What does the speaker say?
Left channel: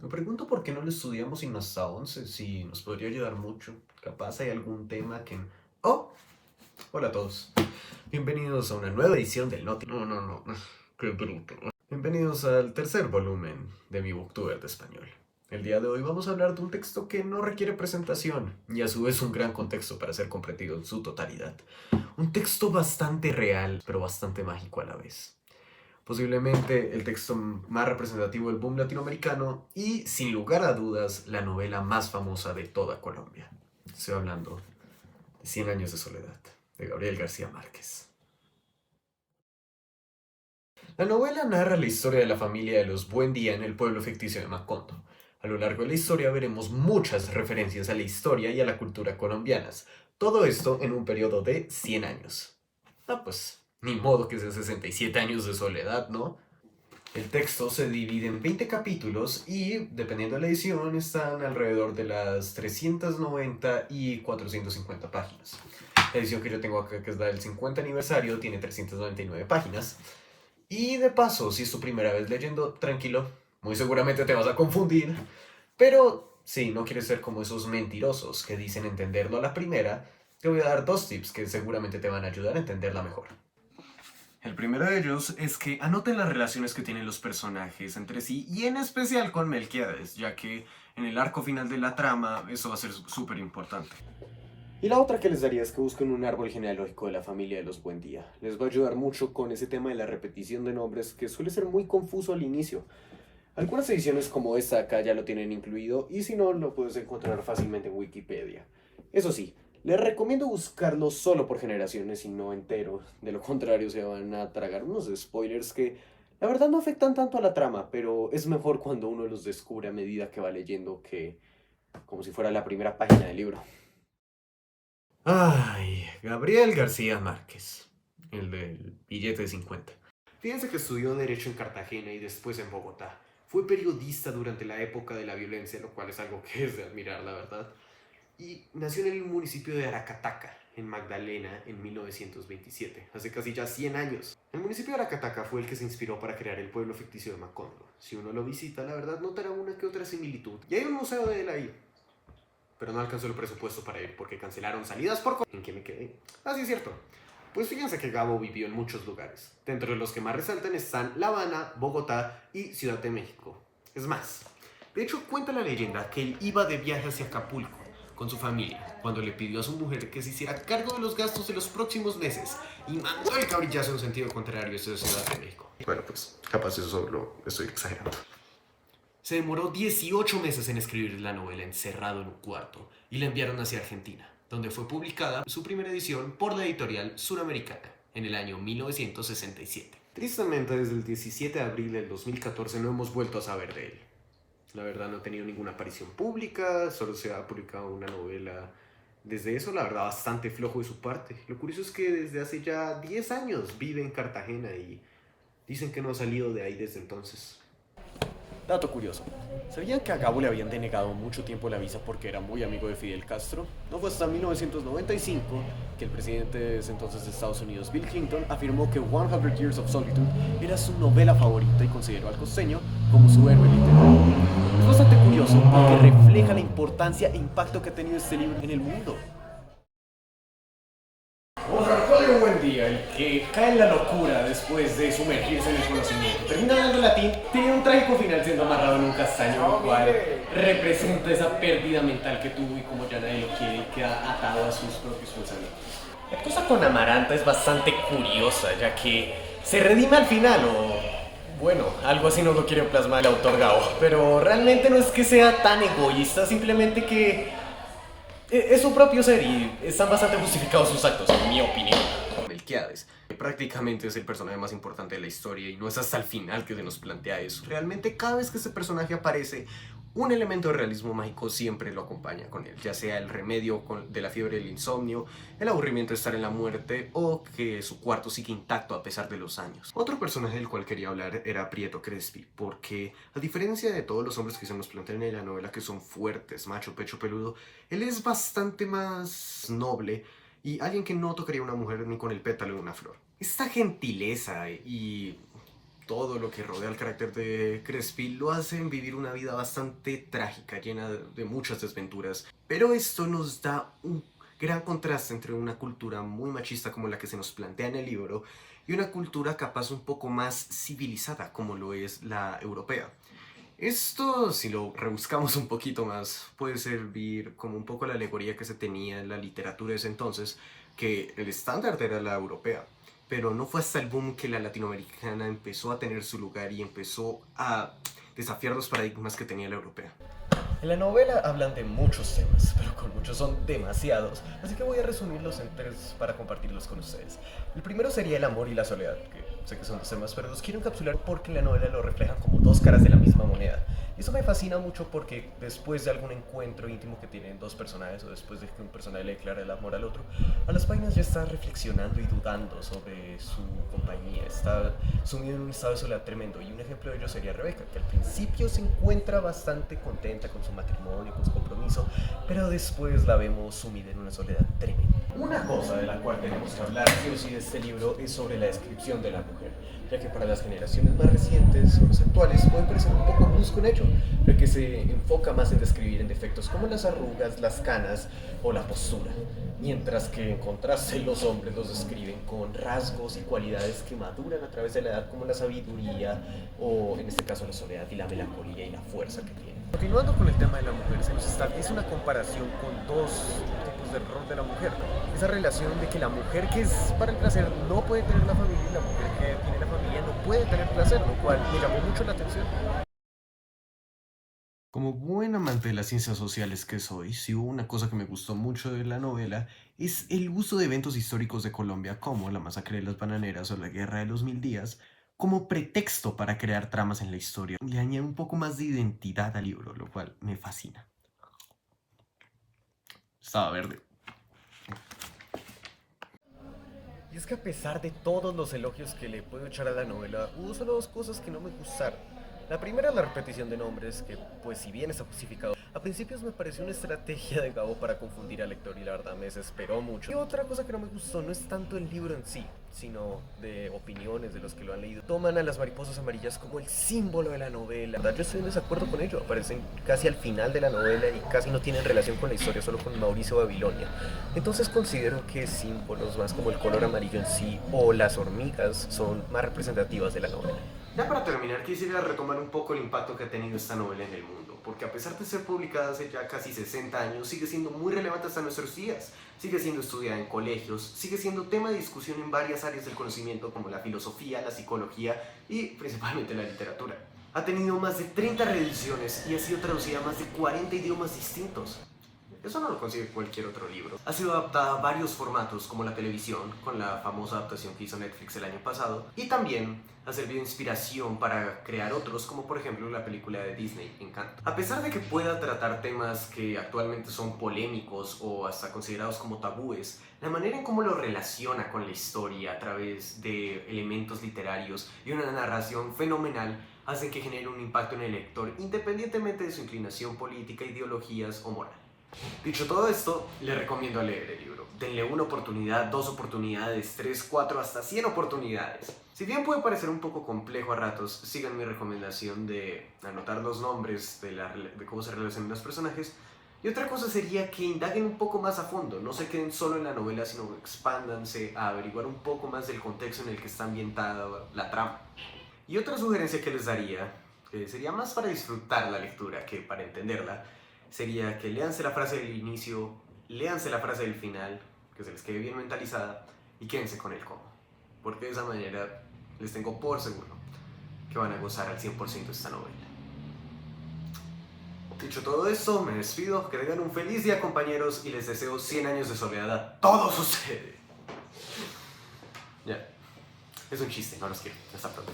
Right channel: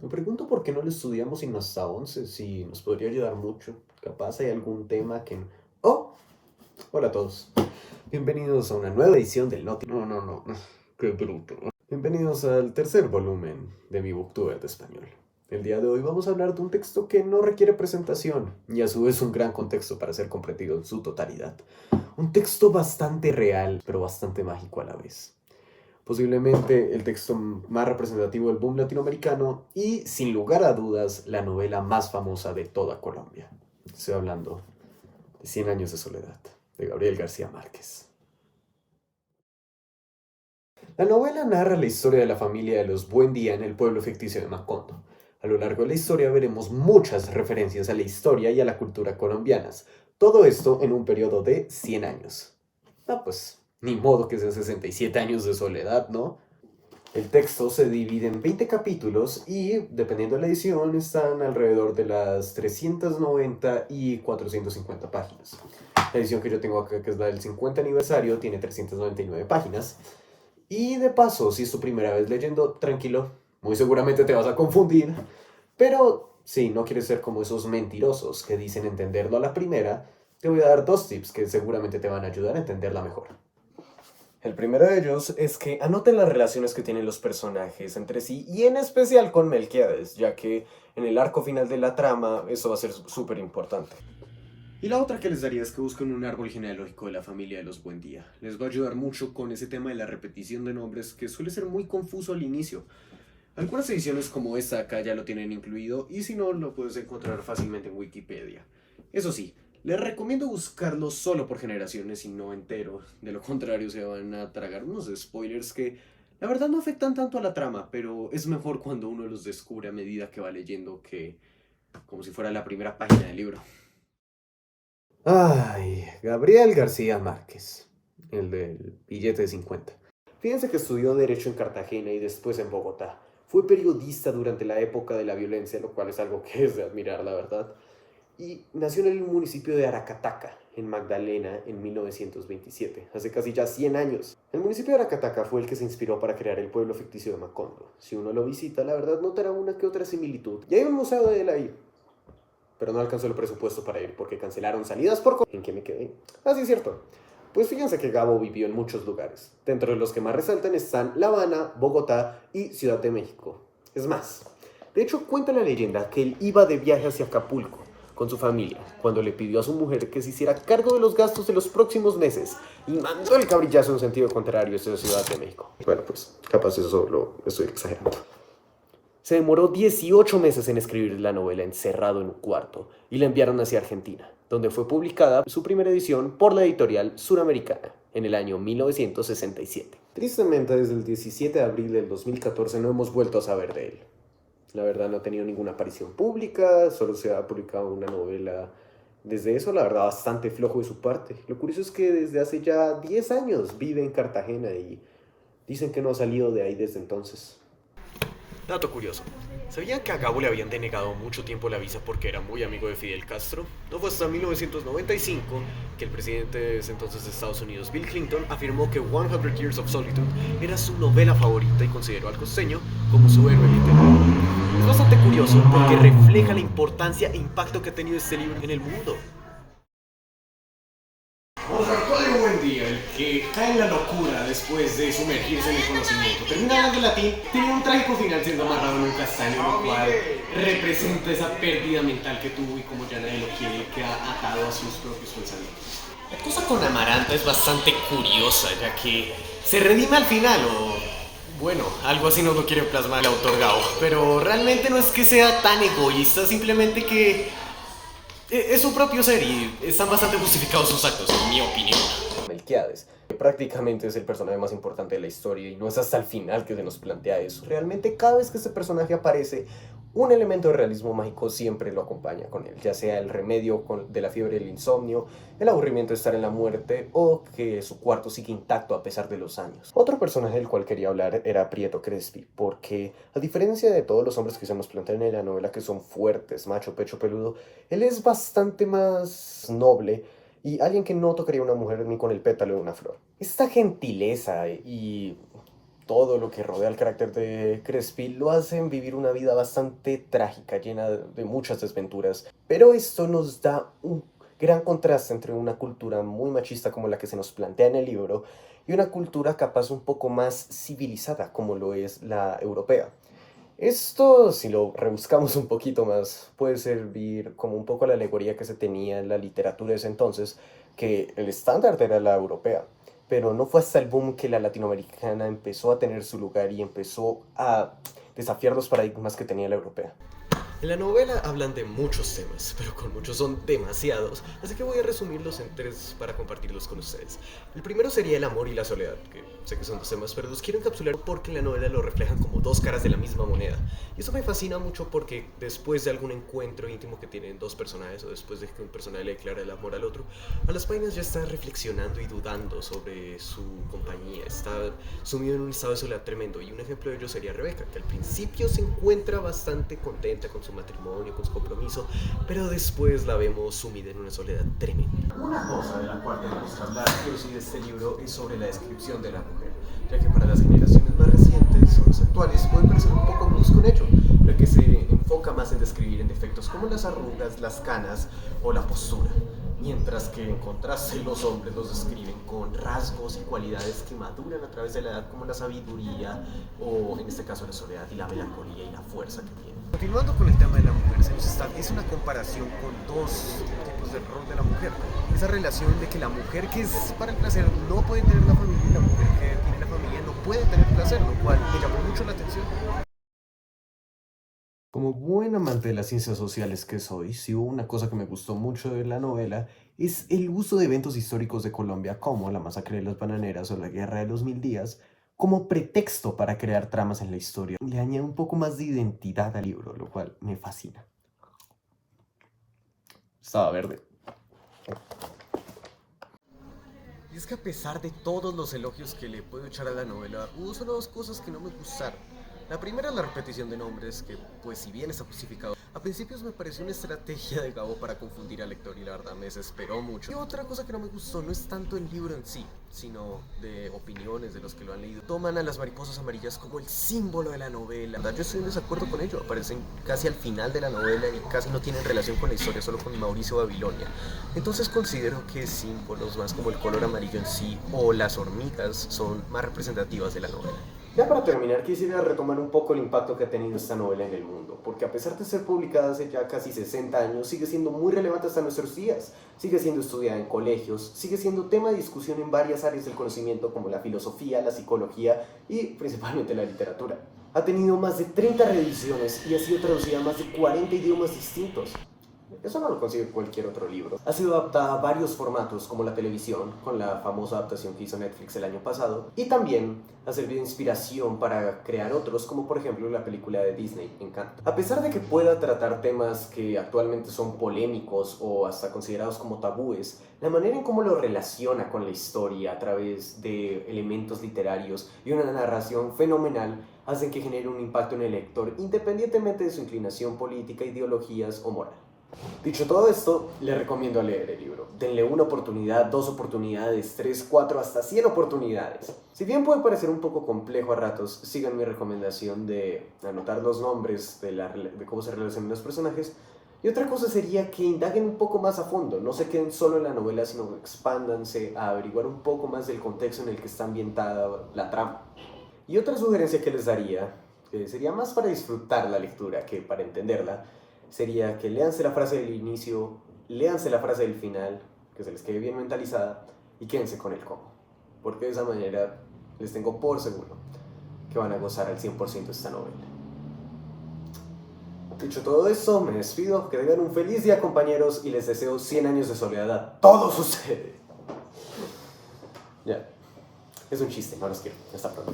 Me pregunto por qué no lo estudiamos sin hasta 11, si nos podría ayudar mucho. Capaz hay algún tema que... ¡Oh! Hola a todos. Bienvenidos a una nueva edición del Noti... No, no, no. Qué bruto. Bienvenidos al tercer volumen de mi Booktuber de español. El día de hoy vamos a hablar de un texto que no requiere presentación y a su vez un gran contexto para ser comprendido en su totalidad. Un texto bastante real, pero bastante mágico a la vez. Posiblemente el texto más representativo del boom latinoamericano y, sin lugar a dudas, la novela más famosa de toda Colombia. Estoy hablando de Cien años de soledad, de Gabriel García Márquez. La novela narra la historia de la familia de los Buendía en el pueblo ficticio de Macondo. A lo largo de la historia veremos muchas referencias a la historia y a la cultura colombianas. Todo esto en un periodo de 100 años. Ah, pues, ni modo que sean 67 años de soledad, ¿no? El texto se divide en 20 capítulos y, dependiendo de la edición, están alrededor de las 390 y 450 páginas. La edición que yo tengo acá, que es la del 50 aniversario, tiene 399 páginas. Y de paso, si es tu primera vez leyendo, tranquilo, muy seguramente te vas a confundir. Pero si no quieres ser como esos mentirosos que dicen entenderlo a la primera, te voy a dar dos tips que seguramente te van a ayudar a entenderla mejor. El primero de ellos es que anoten las relaciones que tienen los personajes entre sí y en especial con Melquiades, ya que en el arco final de la trama eso va a ser súper importante. Y la otra que les daría es que busquen un árbol genealógico de la familia de los Buendía. Les va a ayudar mucho con ese tema de la repetición de nombres que suele ser muy confuso al inicio. Algunas ediciones como esta acá ya lo tienen incluido y si no lo puedes encontrar fácilmente en Wikipedia. Eso sí, les recomiendo buscarlo solo por generaciones y no entero. De lo contrario se van a tragar unos spoilers que la verdad no afectan tanto a la trama, pero es mejor cuando uno los descubre a medida que va leyendo que como si fuera la primera página del libro. Ay, Gabriel García Márquez, el del billete de 50. Fíjense que estudió Derecho en Cartagena y después en Bogotá. Fue periodista durante la época de la violencia, lo cual es algo que es de admirar, la verdad. Y nació en el municipio de Aracataca, en Magdalena, en 1927, hace casi ya 100 años. El municipio de Aracataca fue el que se inspiró para crear el pueblo ficticio de Macondo. Si uno lo visita, la verdad notará una que otra similitud. Y hay un museo de él ahí, pero no alcanzó el presupuesto para ir porque cancelaron salidas por... ¿En qué me quedé? Ah, sí, es cierto. Pues fíjense que Gabo vivió en muchos lugares. Dentro de los que más resaltan están La Habana, Bogotá y Ciudad de México. Es más, de hecho cuenta la leyenda que él iba de viaje hacia Acapulco con su familia cuando le pidió a su mujer que se hiciera cargo de los gastos de los próximos meses y mandó el cabrillazo en sentido contrario desde Ciudad de México. Bueno, pues capaz eso lo estoy exagerando. Se demoró 18 meses en escribir la novela encerrado en un cuarto y la enviaron hacia Argentina, donde fue publicada su primera edición por la editorial Suramericana en el año 1967. Tristemente, desde el 17 de abril del 2014 no hemos vuelto a saber de él. La verdad no ha tenido ninguna aparición pública, solo se ha publicado una novela. Desde eso, la verdad, bastante flojo de su parte. Lo curioso es que desde hace ya 10 años vive en Cartagena y dicen que no ha salido de ahí desde entonces. Dato curioso. ¿Sabían que a Gabo le habían denegado mucho tiempo la visa porque era muy amigo de Fidel Castro? No fue hasta 1995 que el presidente de ese entonces de Estados Unidos, Bill Clinton, afirmó que 100 Years of Solitude era su novela favorita y consideró al costeño como su héroe literario. Es bastante curioso porque refleja la importancia e impacto que ha tenido este libro en el mundo. José Antonio Buendía, el que cae en la locura después de sumergirse en el conocimiento, termina hablando latín, tenía un trágico final siendo amarrado en un castaño, lo cual representa esa pérdida mental que tuvo y como ya nadie lo quiere y queda atado a sus propios pensamientos. La cosa con Amaranta es bastante curiosa, ya que se redime al final, o bueno, algo así nos lo quiere plasmar el autor Gao, pero realmente no es que sea tan egoísta, simplemente que es su propio ser y están bastante justificados sus actos, en mi opinión. Melquiades, que prácticamente es el personaje más importante de la historia y no es hasta el final que se nos plantea eso. Realmente cada vez que este personaje aparece, un elemento de realismo mágico siempre lo acompaña con él, ya sea el remedio de la fiebre del insomnio, el aburrimiento de estar en la muerte o que su cuarto sigue intacto a pesar de los años. Otro personaje del cual quería hablar era Prieto Crespi, porque a diferencia de todos los hombres que se nos plantean en la novela que son fuertes, macho, pecho peludo, él es bastante más noble y alguien que no tocaría a una mujer ni con el pétalo de una flor. Esta gentileza y todo lo que rodea al carácter de Crespi lo hacen vivir una vida bastante trágica, llena de muchas desventuras. Pero esto nos da un gran contraste entre una cultura muy machista como la que se nos plantea en el libro y una cultura capaz un poco más civilizada como lo es la europea. Esto, si lo rebuscamos un poquito más, puede servir como un poco a la alegoría que se tenía en la literatura de ese entonces, que el estándar era la europea, pero no fue hasta el boom que la latinoamericana empezó a tener su lugar y empezó a desafiar los paradigmas que tenía la europea. En la novela hablan de muchos temas, pero con muchos son demasiados, así que voy a resumirlos en tres para compartirlos con ustedes. El primero sería el amor y la soledad, que sé que son dos temas, pero los quiero encapsular porque en la novela lo reflejan como dos caras de la misma moneda. Y eso me fascina mucho porque después de algún encuentro íntimo que tienen dos personajes o después de que un personaje le declara el amor al otro, a las páginas ya está reflexionando y dudando sobre su compañía, está sumido en un estado de soledad tremendo. Y un ejemplo de ello sería Rebeca, que al principio se encuentra bastante contenta con su matrimonio, con su compromiso, pero después la vemos sumida en una soledad tremenda. Una cosa de la cual tenemos que hablar sí o sí de este libro es sobre la descripción de la mujer, ya que para las generaciones más recientes o las actuales puede parecer un poco brusco un hecho, pero que se enfoca más en describir en defectos como las arrugas, las canas o la postura, mientras que en contraste los hombres los describen con rasgos y cualidades que maduran a través de la edad como la sabiduría o en este caso la soledad y la melancolía y la fuerza que tienen. Continuando con el tema de la mujer, se nos establece una comparación con dos tipos de rol de la mujer. Esa relación de que la mujer que es para el placer no puede tener la familia y la mujer que tiene la familia no puede tener placer, lo cual me llamó mucho la atención. Como buen amante de las ciencias sociales que soy, si hubo una cosa que me gustó mucho de la novela es el uso de eventos históricos de Colombia como la masacre de las bananeras o la guerra de los 1000 días como pretexto para crear tramas en la historia. Le añade un poco más de identidad al libro, lo cual me fascina. Estaba verde. Y es que a pesar de todos los elogios que le puedo echar a la novela, hubo solo dos cosas que no me gustaron. La primera es la repetición de nombres, que pues si bien está justificado, a principios me pareció una estrategia de Gabo para confundir al lector y la verdad me desesperó mucho. Y otra cosa que no me gustó no es tanto el libro en sí, sino de opiniones de los que lo han leído. Toman a las mariposas amarillas como el símbolo de la novela. La verdad yo estoy en desacuerdo con ello, aparecen casi al final de la novela y casi no tienen relación con la historia, solo con Mauricio Babilonia. Entonces considero que símbolos más como el color amarillo en sí o las hormigas son más representativas de la novela. Ya para terminar, quisiera retomar un poco el impacto que ha tenido esta novela en el mundo, porque a pesar de ser publicada hace ya casi 60 años, sigue siendo muy relevante hasta nuestros días. Sigue siendo estudiada en colegios, sigue siendo tema de discusión en varias áreas del conocimiento como la filosofía, la psicología y principalmente la literatura. Ha tenido más de 30 reediciones y ha sido traducida a más de 40 idiomas distintos. Eso no lo consigue cualquier otro libro. Ha sido adaptada a varios formatos, como la televisión, con la famosa adaptación que hizo Netflix el año pasado, y también ha servido de inspiración para crear otros, como por ejemplo la película de Disney, Encanto. A pesar de que pueda tratar temas que actualmente son polémicos o hasta considerados como tabúes, la manera en cómo lo relaciona con la historia a través de elementos literarios y una narración fenomenal hacen que genere un impacto en el lector, independientemente de su inclinación política, ideologías o moral. Dicho todo esto, le recomiendo leer el libro. Denle una oportunidad, dos oportunidades, tres, cuatro, hasta 100 oportunidades. Si bien puede parecer un poco complejo a ratos, sigan mi recomendación de anotar los nombres de cómo se relacionan los personajes. Y otra cosa sería que indaguen un poco más a fondo, no se queden solo en la novela, sino expándanse a averiguar un poco más del contexto en el que está ambientada la trama. Y otra sugerencia que les daría, que sería más para disfrutar la lectura que para entenderla, sería que léanse la frase del inicio, léanse la frase del final, que se les quede bien mentalizada y quédense con el cómo. Porque de esa manera les tengo por seguro que van a gozar al 100% esta novela. Dicho todo esto, me despido, que tengan un feliz día compañeros y les deseo 100 años de soledad a todos ustedes. Ya, es un chiste, no los quiero. Hasta pronto.